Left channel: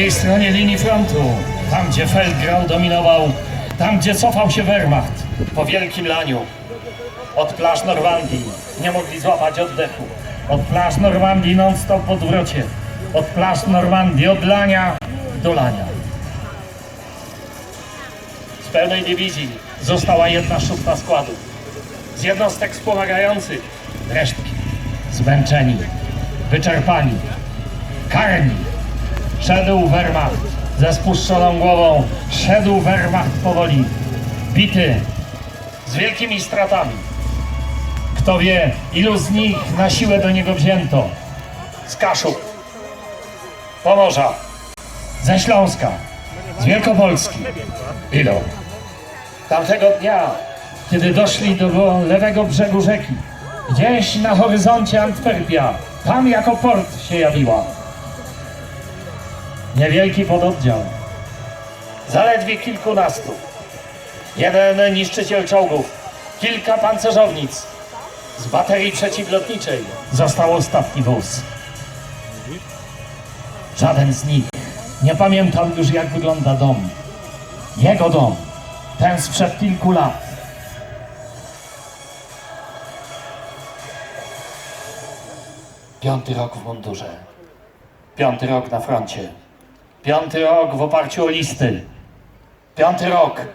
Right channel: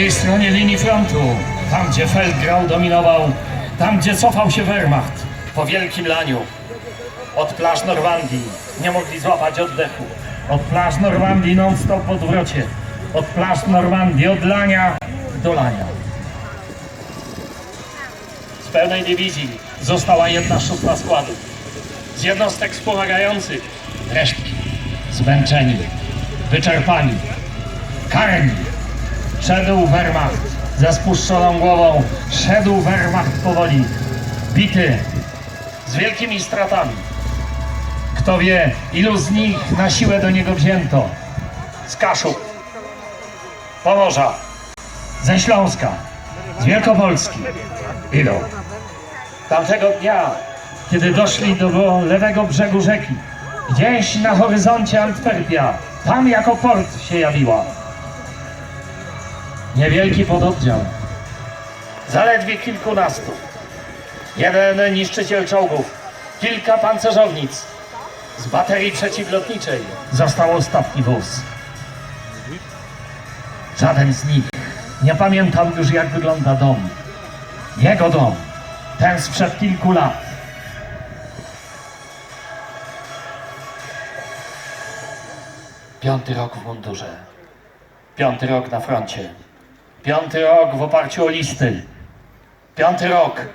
drugiej stronie linii frontu, tam gdzie Feldgrau dominował, tam gdzie cofał się Wehrmacht po wielkim laniu. Od plaż Normandii nie mogli złapać oddechu. Od plaż Normandii non-stop w odwrocie. Od plaż Normandii od lania do lania. Z pełnej dywizji została jedna szósta składu. Z jednostek wspomagających resztki, zmęczeni, wyczerpani, karni. Szedł Wehrmacht ze spuszczoną głową, szedł Wehrmacht powoli, bity, z wielkimi stratami. Kto wie, ilu z nich na siłę do niego wzięto. Z Kaszub, Pomorza, ze Śląska, z Wielkopolski. Ilu? Tamtego dnia, kiedy doszli do lewego brzegu rzeki, gdzieś na horyzoncie Antwerpia, tam jako port się jawiło. Niewielki pododdział, zaledwie kilkunastu. Jeden niszczyciel czołgów, kilka pancerzownic. Z baterii przeciwlotniczej został ostatni wóz. Żaden z nich nie pamiętał już, jak wygląda dom. Jego dom, ten sprzed kilku lat. Piąty rok w mundurze. Piąty rok na froncie. Piąty rok w oparciu o listy. Piąty rok.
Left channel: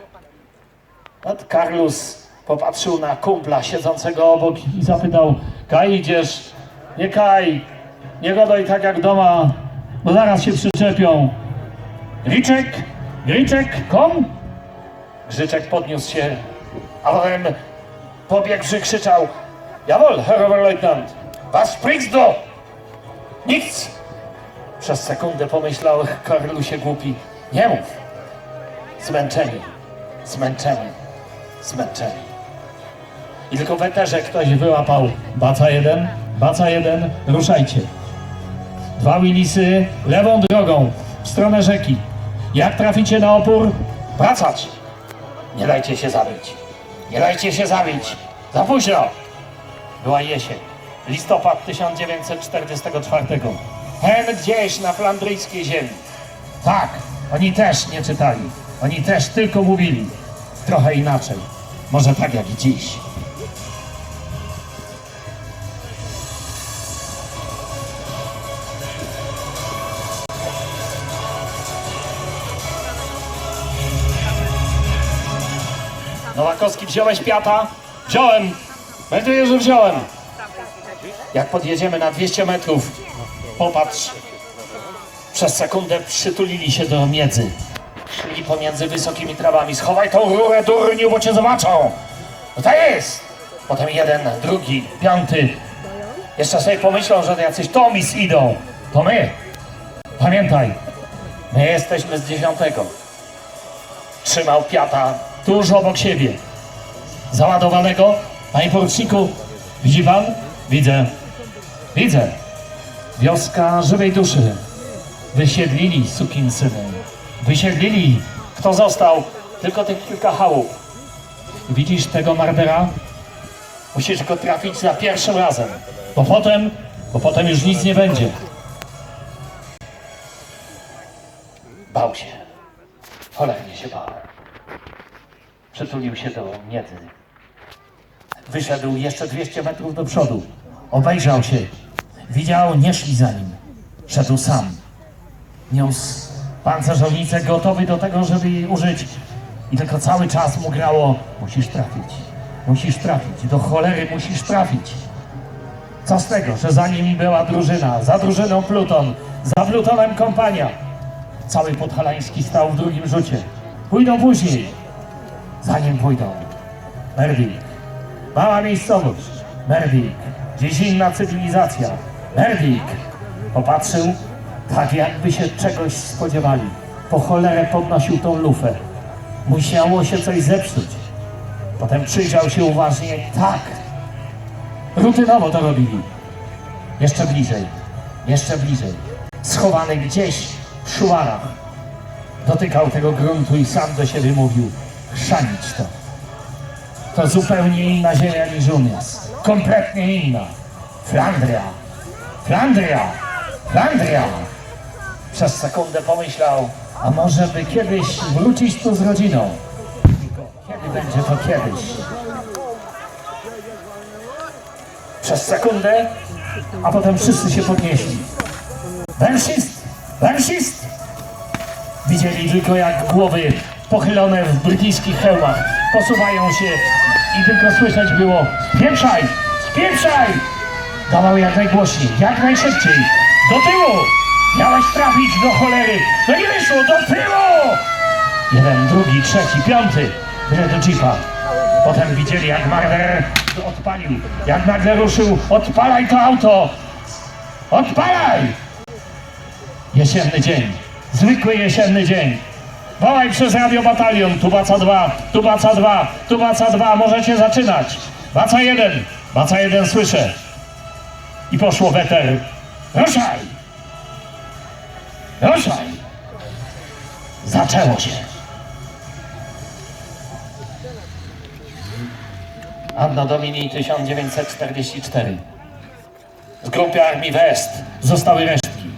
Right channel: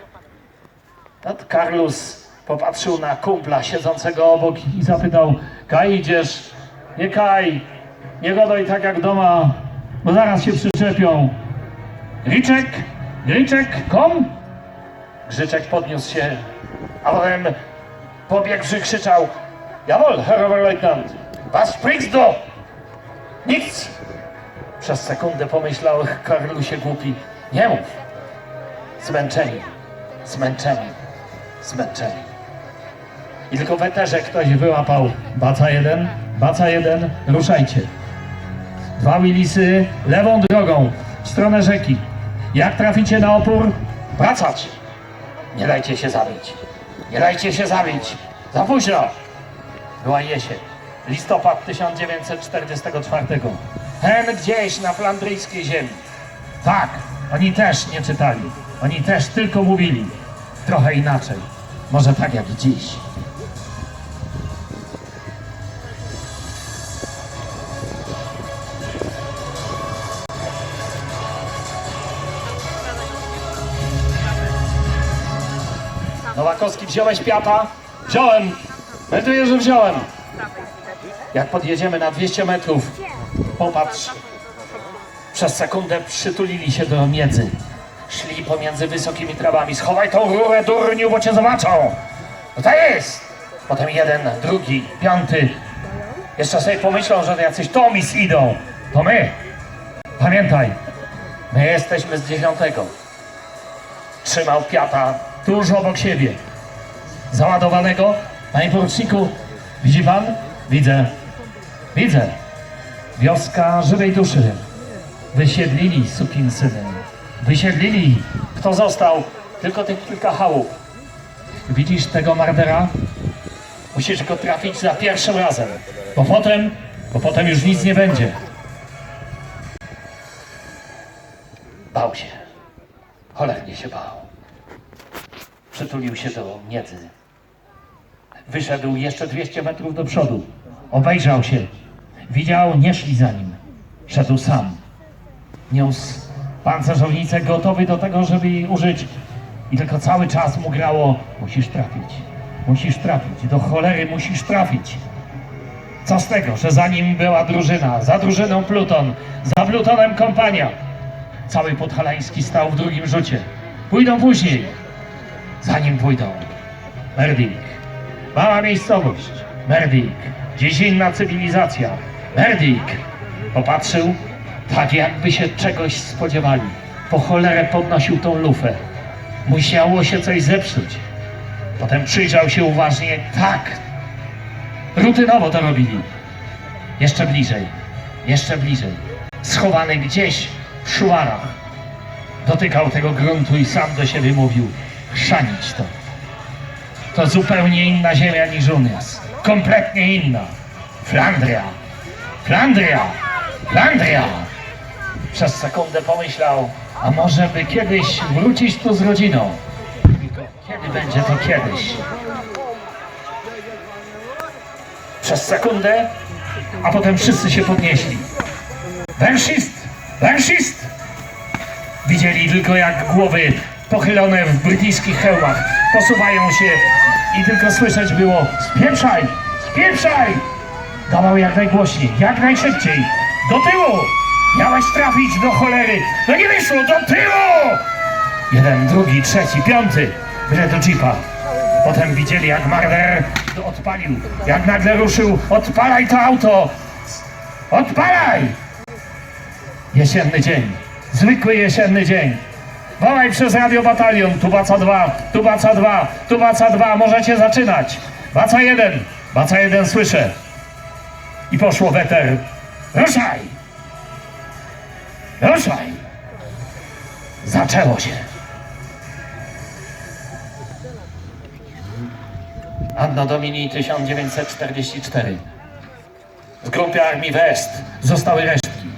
Nad Carlos popatrzył na kumpla siedzącego obok i zapytał Kaj, idziesz? Nie Kaj, nie gadaj tak jak doma, bo zaraz się przyczepią. Griczek, Griczek, kom? Grzyczek podniósł się, a potem pobiegłszy krzyczał Jawohl, Herr Oberleutnant, was sprichst du? Nic! Przez sekundę pomyślał Karlusie głupi. Nie mów. Zmęczeni, zmęczeni, zmęczeni. I tylko w eterze ktoś wyłapał. Baca jeden, baca jeden, ruszajcie. Dwa Willisy lewą drogą w stronę rzeki. Jak traficie na opór, wracać. Nie dajcie się zabić. Nie dajcie się zabić. Za późno. Była jesień. Listopad 1944. Hen gdzieś na flandryjskiej ziemi. Tak, oni też nie czytali. Oni też tylko mówili. Trochę inaczej. Może tak jak i dziś. Nowakowski, wziąłeś piata? Wziąłem. Melduję, że wziąłem. Jak podjedziemy na 200 metrów, popatrz. Przez sekundę przytulili się do miedzy. Szli pomiędzy wysokimi trawami. Schowaj tą rurę, durniu, bo cię zobaczą. No to jest. Potem jeden, drugi, piąty. Jeszcze sobie pomyślą, że to jacyś Tomis idą. To my. Pamiętaj, my jesteśmy z dziesiątego. Trzymał piata tuż obok siebie. Załadowanego. Panie poruczniku, widzi pan? Widzę. Widzę. Wioska żywej duszy. Wysiedlili sukinsyny. Wysiedlili. Kto został? Tylko tych kilka chałup. Widzisz tego Mardera? Musisz go trafić za pierwszym razem. Bo potem, bo potem już nic nie będzie. Bał się. Cholernie się bał. Przytulił się do miedzy. Wyszedł jeszcze 200 metrów do przodu. Obejrzał się. Widział, nie szli za nim. Szedł sam. Niósł pancerzownicę gotowy do tego, żeby jej użyć. I tylko cały czas mu grało, musisz trafić. Musisz trafić. Do cholery musisz trafić. Co z tego, że za nim była drużyna, za drużyną Pluton, za Plutonem kompania. Cały Podhalański stał w drugim rzucie. Pójdą później. Za nim pójdą. Merwik. Mała miejscowość. Merwik. Dziś inna cywilizacja. Merwik. Popatrzył, tak jakby się czegoś spodziewali. Po cholerę podnosił tą lufę. Musiało się coś zepsuć. Potem przyjrzał się uważnie. Tak. Rutynowo to robili. Jeszcze bliżej. Jeszcze bliżej. Schowany gdzieś w szuwarach. Dotykał tego gruntu i sam do siebie mówił. Chrzanić to. To zupełnie inna ziemia niż u nas. Kompletnie inna. Flandria. Flandria. Flandria. Przez sekundę pomyślał, a może by kiedyś wrócić tu z rodziną. Kiedy będzie to kiedyś? Przez sekundę, a potem wszyscy się podnieśli. Węszyst! Węszyst! Widzieli tylko jak głowy pochylone w brytyjskich hełmach posuwają się i tylko słyszeć było spieprzaj! Spieprzaj! Dawał jak najgłośniej, jak najszybciej. Do tyłu! Miałeś trafić do cholery! No nie wyszło, do tyłu! Jeden, drugi, trzeci, piąty. Byle do jeepa. Potem widzieli jak Marder odpalił. Jak nagle ruszył, odpalaj to auto! Odpalaj! Jesienny dzień. Zwykły jesienny dzień. Wołaj przez radio batalion. Tu baca 2, tu baca 2, tu baca 2. Możecie zaczynać. Baca 1, baca 1 słyszę. I poszło weter. Ruszaj! Ruszaj! Zaczęło się. Anno Domini 1944. W grupie Armii West zostały resztki.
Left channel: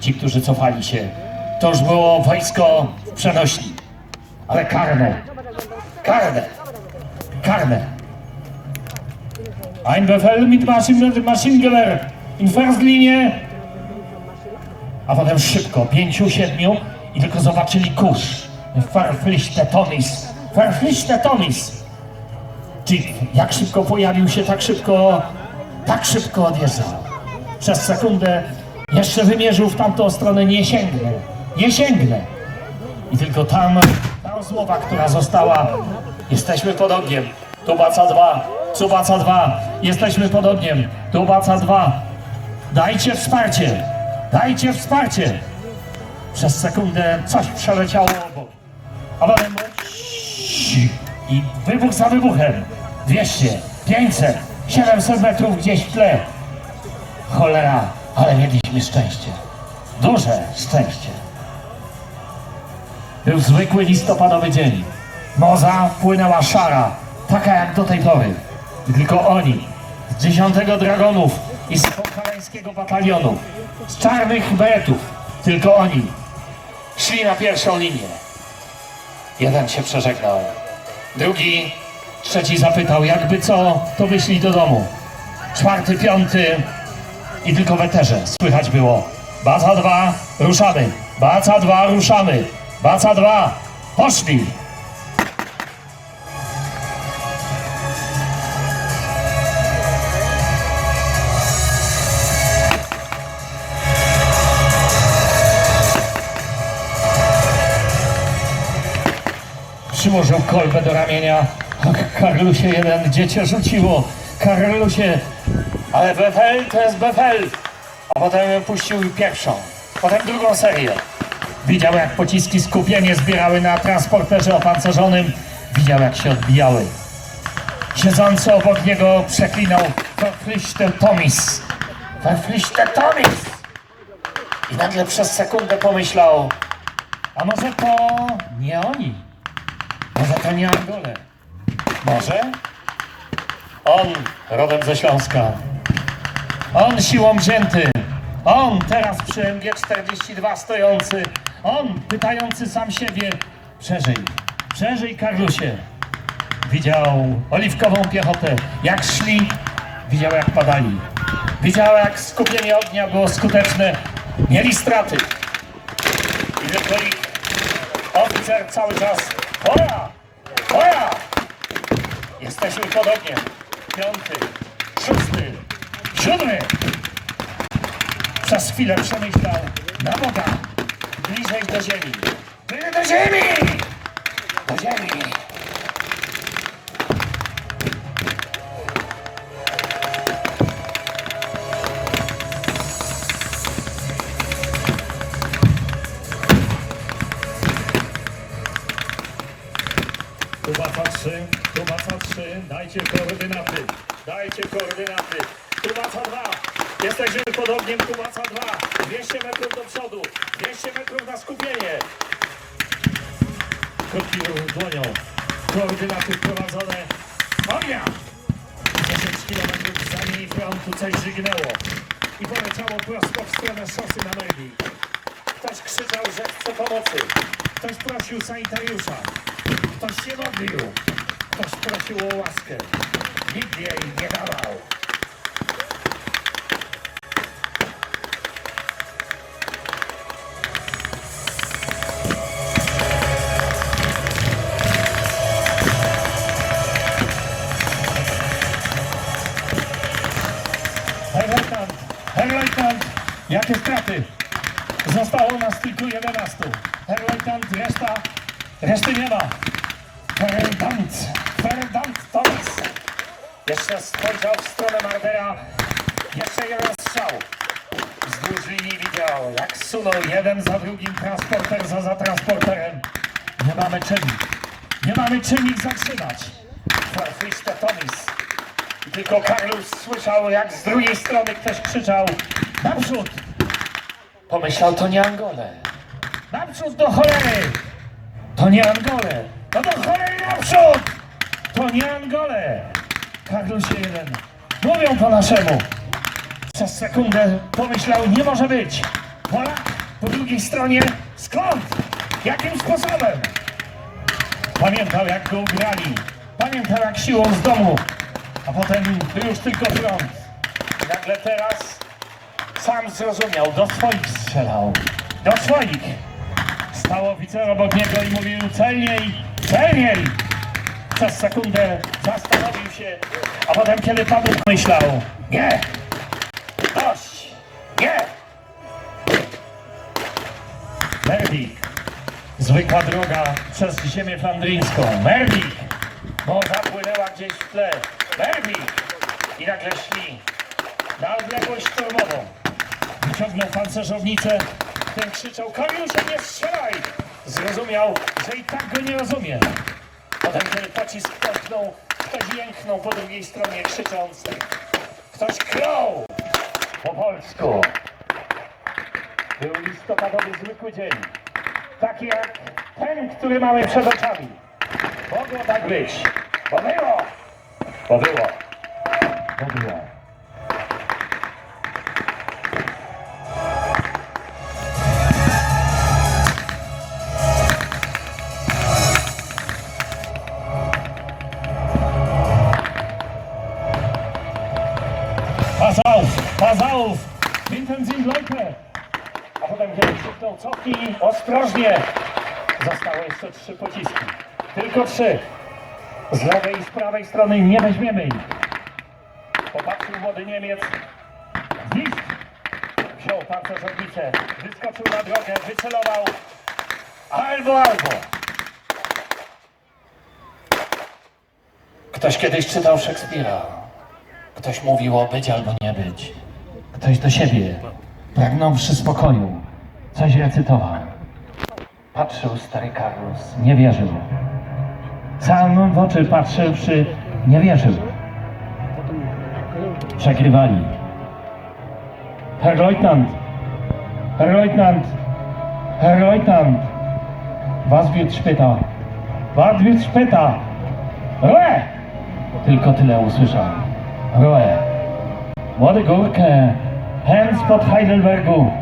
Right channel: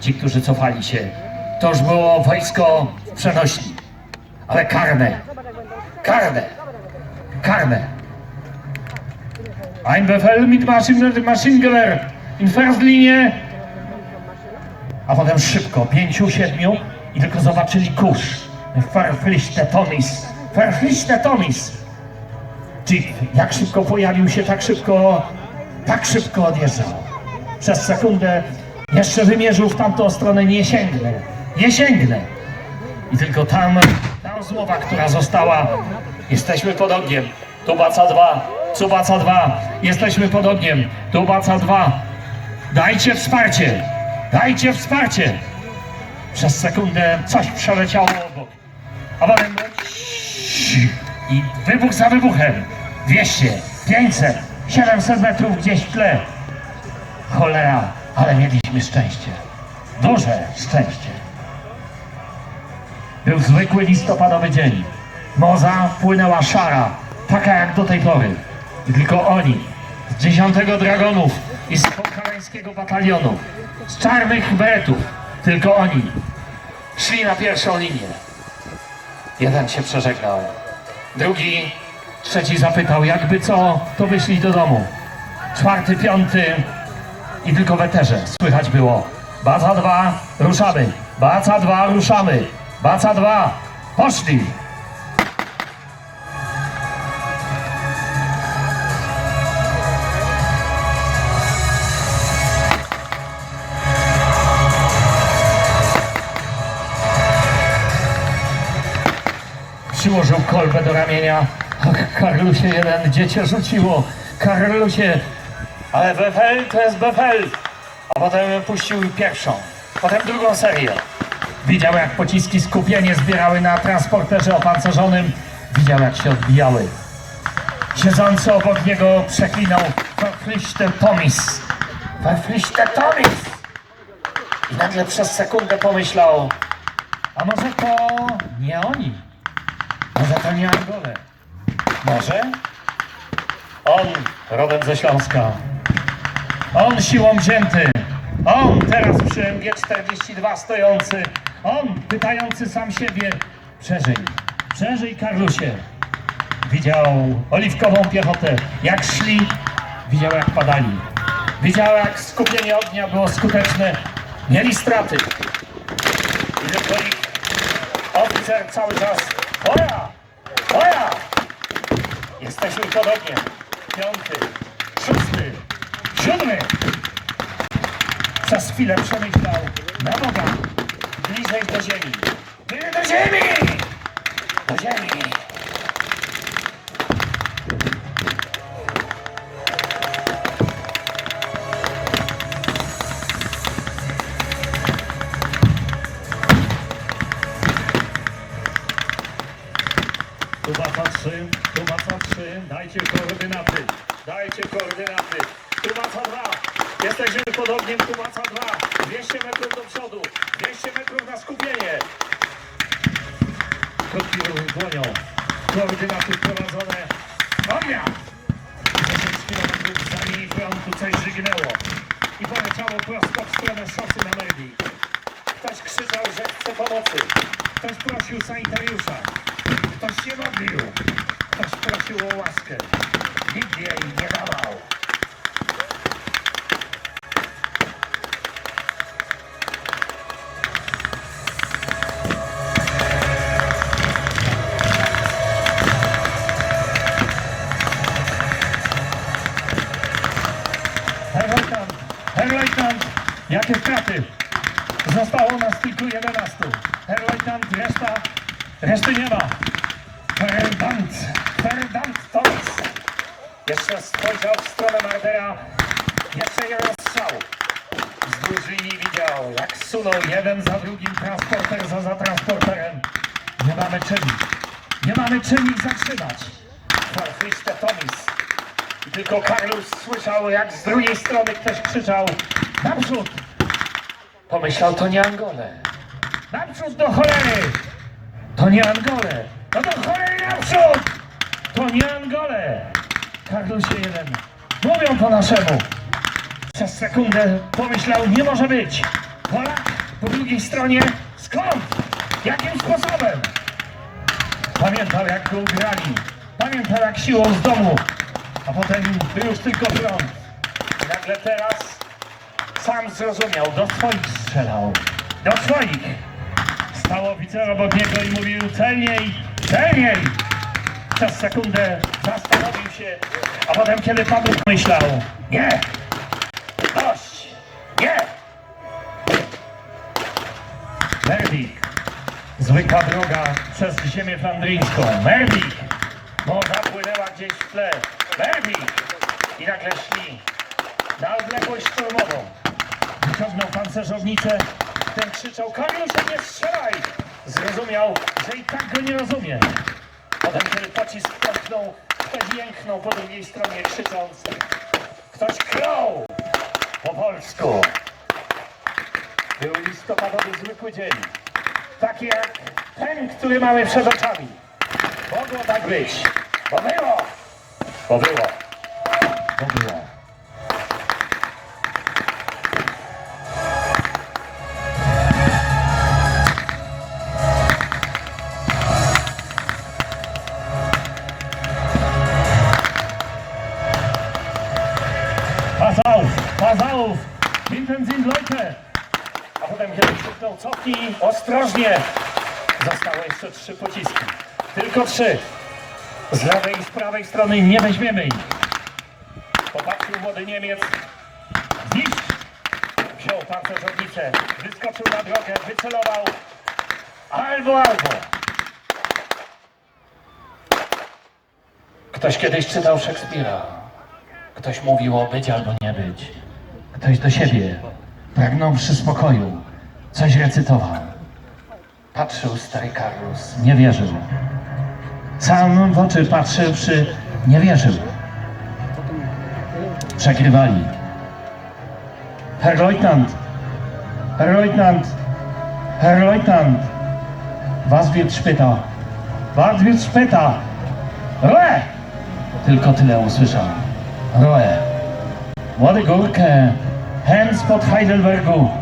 Ci, którzy cofali się, to już było wojsko w przenośni. Ale karne, karne, karne. Ein Befehl mit Maschinen- Maschinengewehr in Firstlinie. A potem szybko, pięciu, siedmiu i tylko zobaczyli kurz. Verpflichte Tomis, verpflichte Tomis. Jeep, jak szybko pojawił się, tak szybko, tak szybko odjeżdżał. Przez sekundę jeszcze wymierzył w tamtą stronę, nie sięgnę, nie sięgnę. I tylko tam ta rozmowa, która została, jesteśmy pod ogniem, tu baca dwa, tu baca dwa, jesteśmy pod ogniem, tu baca dwa. Dajcie wsparcie, dajcie wsparcie. Przez sekundę coś przeleciało obok. A potem i wybuch za wybuchem. 200, 500, 700 metrów gdzieś w tle. Cholera, ale mieliśmy szczęście. Duże szczęście. Był zwykły listopadowy dzień. Moza płynęła szara, taka jak do tej pory. I tylko oni, z dziesiątego dragonów i z podhalańskiego batalionu, z czarnych beretów, tylko oni, szli na pierwszą linię. Jeden się przeżegnał, drugi, trzeci zapytał, jakby co, to wyszli do domu. Czwarty, piąty i tylko w eterze słychać było. Baca dwa, ruszamy. Baca dwa, ruszamy. Baca dwa, poszli. Przyłożył kolbę do ramienia. Ach, Karlusie jeden, dziecię rzuciło. Karlusie, ale Befel to jest Befel. A potem puścił pierwszą, potem drugą serię. Widział jak pociski skupienie zbierały na transporterze opancerzonym. Widział jak się odbijały. Siedzący obok niego przeklinał Verpflichte Tomis. Verpflichte Tomis. I nagle przez sekundę pomyślał, a może to nie oni? Może to nie Angole? Może? On rodem ze Śląska. On siłą wzięty. On teraz przy MG42 stojący. On pytający sam siebie. Przeżyj. Przeżyj, Karlusie. Widział oliwkową piechotę. Jak szli, widział jak padali. Widział jak skupienie ognia było skuteczne. Mieli straty. I tylko ich oficer cały czas. Pora! Pora! Jesteśmy pod ogniem. Piąty, szósty, siódmy. Przez chwilę przemyślał na Boga. Bliżej do ziemi. Bliżej do ziemi! Do ziemi. Jesteśmy pod ogniem, tu baca 2, 200 metrów do przodu, 200 metrów na skupienie. Krótki ruch dłonią, koordynaty wprowadzone. Ognia! 10 km za linii frontu coś żygnęło i poleciało prosto w stronę szosy na Merli. Ktoś krzyczał, że chce pomocy. Ktoś prosił sanitariusza. Ktoś się modlił. Ktoś prosił o łaskę. Nikt jej nie dawał. Reszty nie ma. Ferdant, Ferdant Toys. Jeszcze spojrzał w stronę Mardera. Jeszcze jeden strzał. Wzdłuż linii widział, jak sunął jeden za drugim transporter za, za transporterem. Nie mamy czym. Nie mamy ich zatrzymać. Forfiste Tomis. Tylko Karlus słyszał, jak z drugiej strony ktoś krzyczał Naprzód! Pomyślał, to nie Angole. Naprzód do cholery! To nie Angole! No do cholery naprzód! To nie Angole! Karlusie jeden. Mówią po naszemu. Przez sekundę pomyślał, nie może być. Polak po drugiej stronie. Skąd? Jakim sposobem? Pamiętał, jak go ugrali. Pamiętał, jak siłą z domu. A potem był już tylko front. Nagle teraz sam zrozumiał, do swoich strzelał. Do swoich. Stał oficer obok niego i mówił celniej, celniej. Przez sekundę zastanowił się, a potem kiedy padł myślał, nie, dość, nie. Merdik, zwykła droga przez ziemię flandryjską. Merdik, morza płynęła gdzieś w tle. Merdik i nagle szli na odległość szturmową. Wyciągnął pancerzownicę, ten krzyczał, Kariusze, nie strzelaj! Zrozumiał, że i tak go nie rozumie. Potem, kiedy pocisk pęknął, ktoś jęknął po drugiej stronie, krzycząc, ktoś klął po polsku. Był listopadowy zwykły dzień, taki jak ten, który mamy przed oczami. Mogło tak być, bo było, bo było, bo było. Sind Leute. A potem krzyknął ostrożnie. Zostały jeszcze trzy pociski. Tylko trzy. Z lewej i z prawej strony nie weźmiemy ich. Popatrzył młody Niemiec. Dziś wziął pancerzownicę, wyskoczył na drogę, wycelował. Albo, albo. Ktoś kiedyś czytał Szekspira. Ktoś mówił o być albo nie być. Ktoś do siebie, pragnąwszy spokoju, coś recytował. Patrzył stary Karlus, nie wierzył. Sam w oczy patrzywszy, nie wierzył. Przegrywali. Herr Leutnant, Herr Leutnant, Herr Leutnant, was wird später? Was wird später? Ruhe! Tylko tyle usłyszał. Roe. Młody Górkę, hen spod Heidelbergu,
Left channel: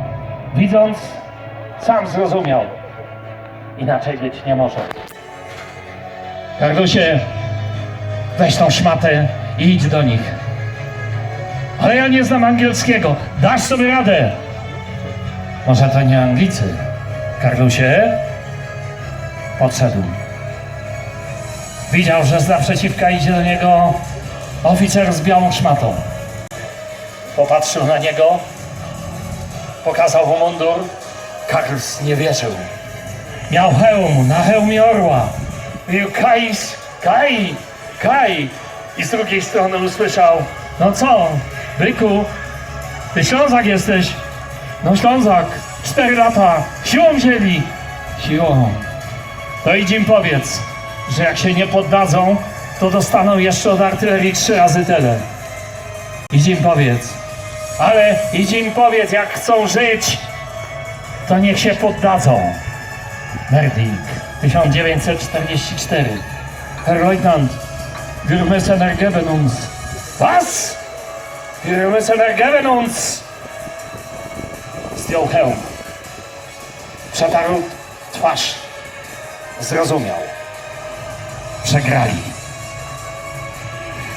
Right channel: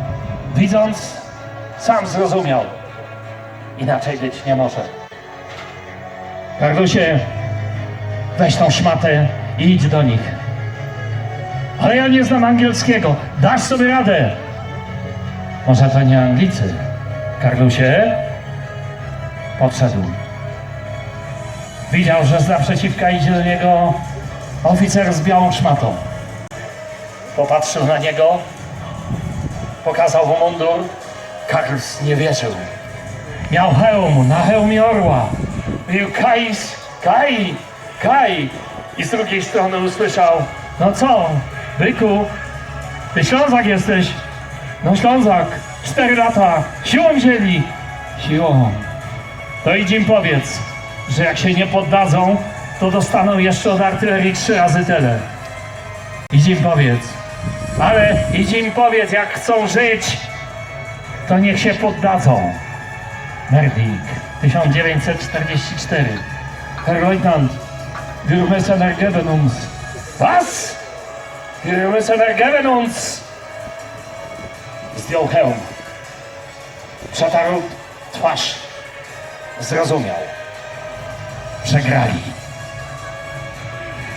widząc, sam zrozumiał. Inaczej być nie może. Karlusie, weź tą szmatę i idź do nich. Ale ja nie znam angielskiego. Dasz sobie radę. Może to nie Anglicy. Karlusie, podszedł. Widział, że z naprzeciwka idzie do niego oficer z białą szmatą. Popatrzył na niego, pokazał mu mundur. Karls nie wierzył. Miał hełm, na hełmie orła. Mówił Kajs, Kaj, Kaj. I z drugiej strony usłyszał, no co, byku, ty Ślązak jesteś. No Ślązak, cztery lata, siłą wzięli. Siłą. To idź im powiedz, że jak się nie poddadzą, to dostaną jeszcze od artylerii trzy razy tyle. Idź im powiedz. Ale idź im powiedz, jak chcą żyć, to niech się poddadzą. Merdik, 1944. Herr Leutnant, wir müssen uns. Was? Wir müssen ergeben uns. Zdjął hełm. Przetarł twarz. Zrozumiał. Przegrali.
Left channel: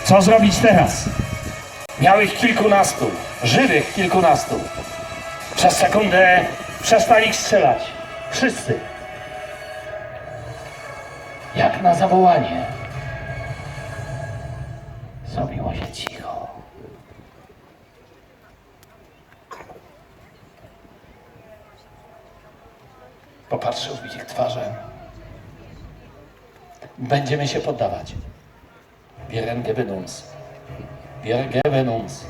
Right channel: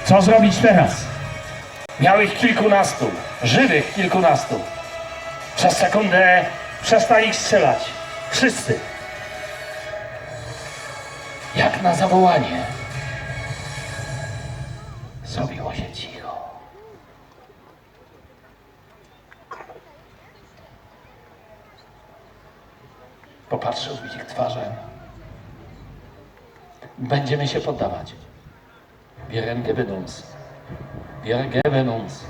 Co zrobić teraz? Miał ich kilkunastu, żywych kilkunastu. Przez sekundę przestali strzelać. Wszyscy. Jak na zawołanie. Zrobiło się cicho. Popatrzył w ich twarze. Będziemy się poddawać. Wir geben uns. Wir geben uns.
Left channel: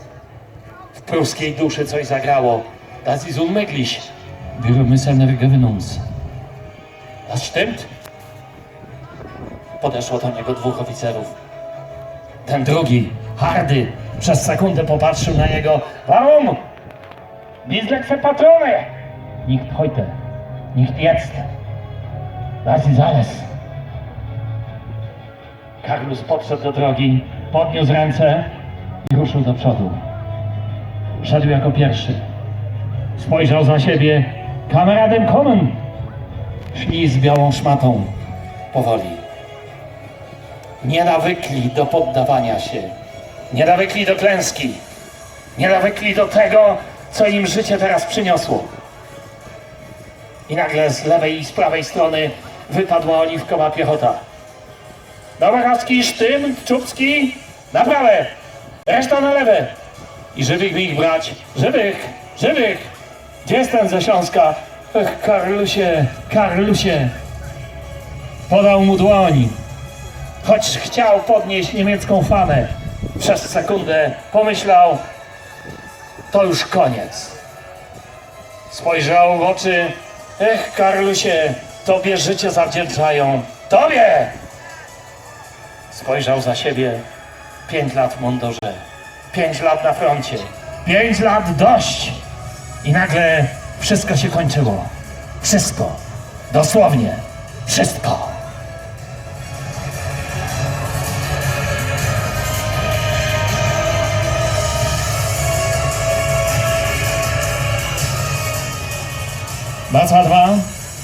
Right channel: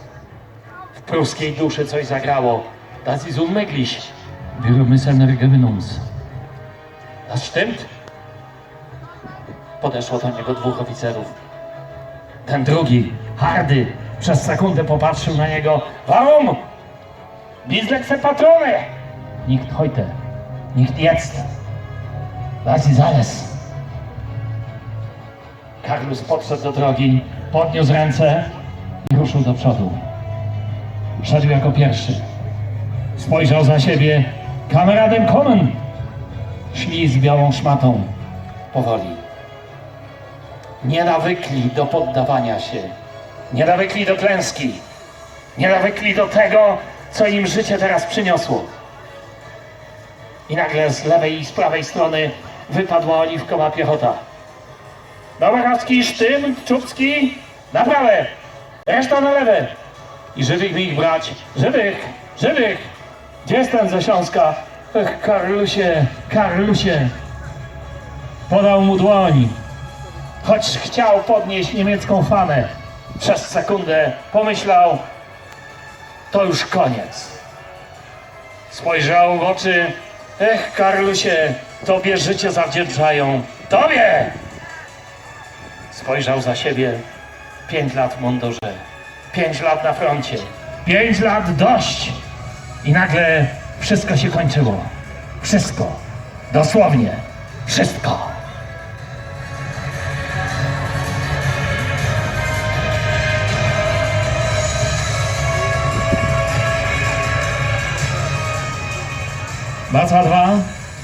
Pruskiej duszy coś zagrało. Das ist unmöglich. Wir müssen geben uns. Das stimmt. Podeszło do niego dwóch oficerów. Ten drugi, hardy, przez sekundę popatrzył na niego. Warum? Nicht letzte Patrone! Nicht heute. Nicht jetzt. Das ist alles. Karlus podszedł do drogi, podniósł ręce i ruszył do przodu. Szedł jako pierwszy. Spojrzał za siebie. Kameraden kommen! Szli z białą szmatą. Powoli. Nie nawykli do poddawania się. Nie nawykli do klęski. Nie nawykli do tego, co im życie teraz przyniosło. I nagle z lewej i z prawej strony wypadła oliwkowa piechota. Domarowski, Sztym, Czubski, na prawe, reszta na lewe. I żywych mi ich brać, żywych, żywych. Gdzie jest ten ze Śląska? Ech, Karlusie, Karlusie. Podał mu dłoń, choć chciał podnieść niemiecką famę. Przez sekundę pomyślał, to już koniec. Spojrzał w oczy, ech, Karlusie, tobie życie zawdzięczają, tobie! Spojrzał za siebie. Pięć lat w mundurze. Pięć lat na froncie. Pięć lat dość. I nagle wszystko się kończyło. Wszystko. Dosłownie. Wszystko. Baca 2,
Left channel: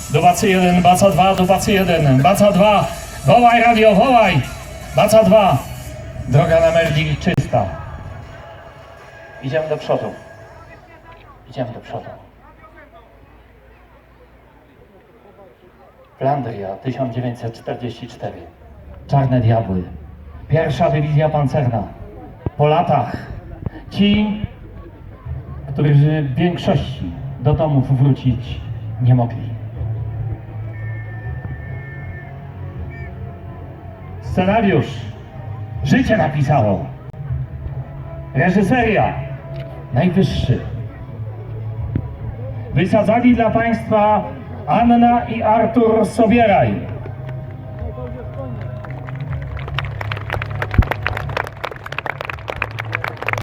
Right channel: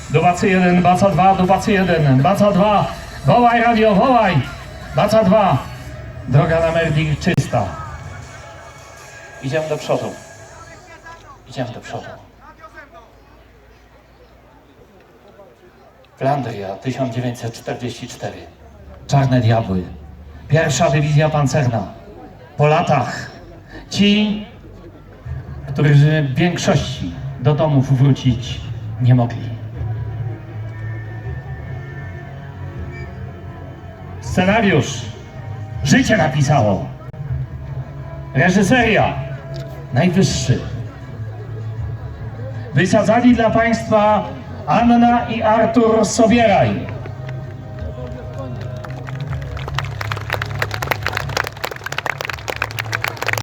do Bacy 1, Baca 2, do Bacy 1, Baca 2, wołaj radio, wołaj! Baca 2, droga na Merli czysta. Idziemy do przodu. Idziemy do przodu. Flandria, 1944. Czarne Diabły. Pierwsza dywizja pancerna. Po latach ci, którzy w większości do domów wrócić nie mogli. Scenariusz życie napisało. Reżyseria najwyższy. Wysadzali dla Państwa Anna i Artur Sobieraj.